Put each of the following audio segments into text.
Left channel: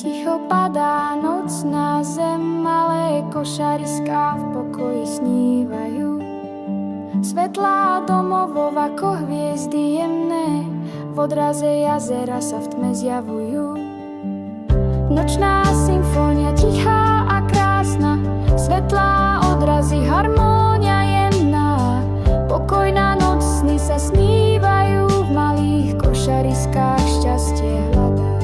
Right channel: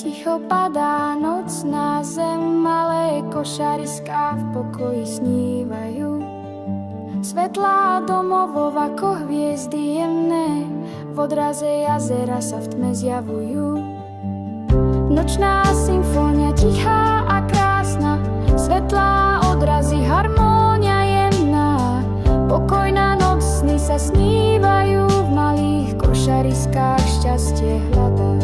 ticho padá noc na zem, malé košariská v pokoji snívajú. Svetlá domovov ako hviezdy jemné, v odraze jazera sa v tme zjavujú. Nočná symfónia tichá a krásna, svetlá odrazy, harmónia jemná. Pokojná noc, sny sa snívajú, v malých košariskách šťastie hľadá.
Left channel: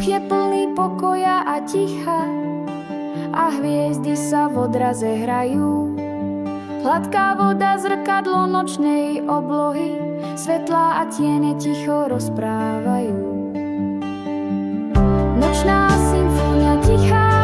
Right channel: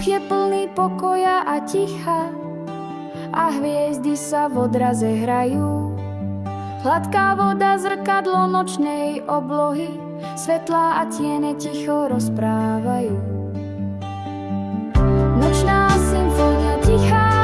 Je plný pokoja a ticha a hviezdy sa v odraze hrajú. Hladká voda, zrkadlo nočnej oblohy, svetlá a tiene ticho rozprávajú. Nočná symfónia tichá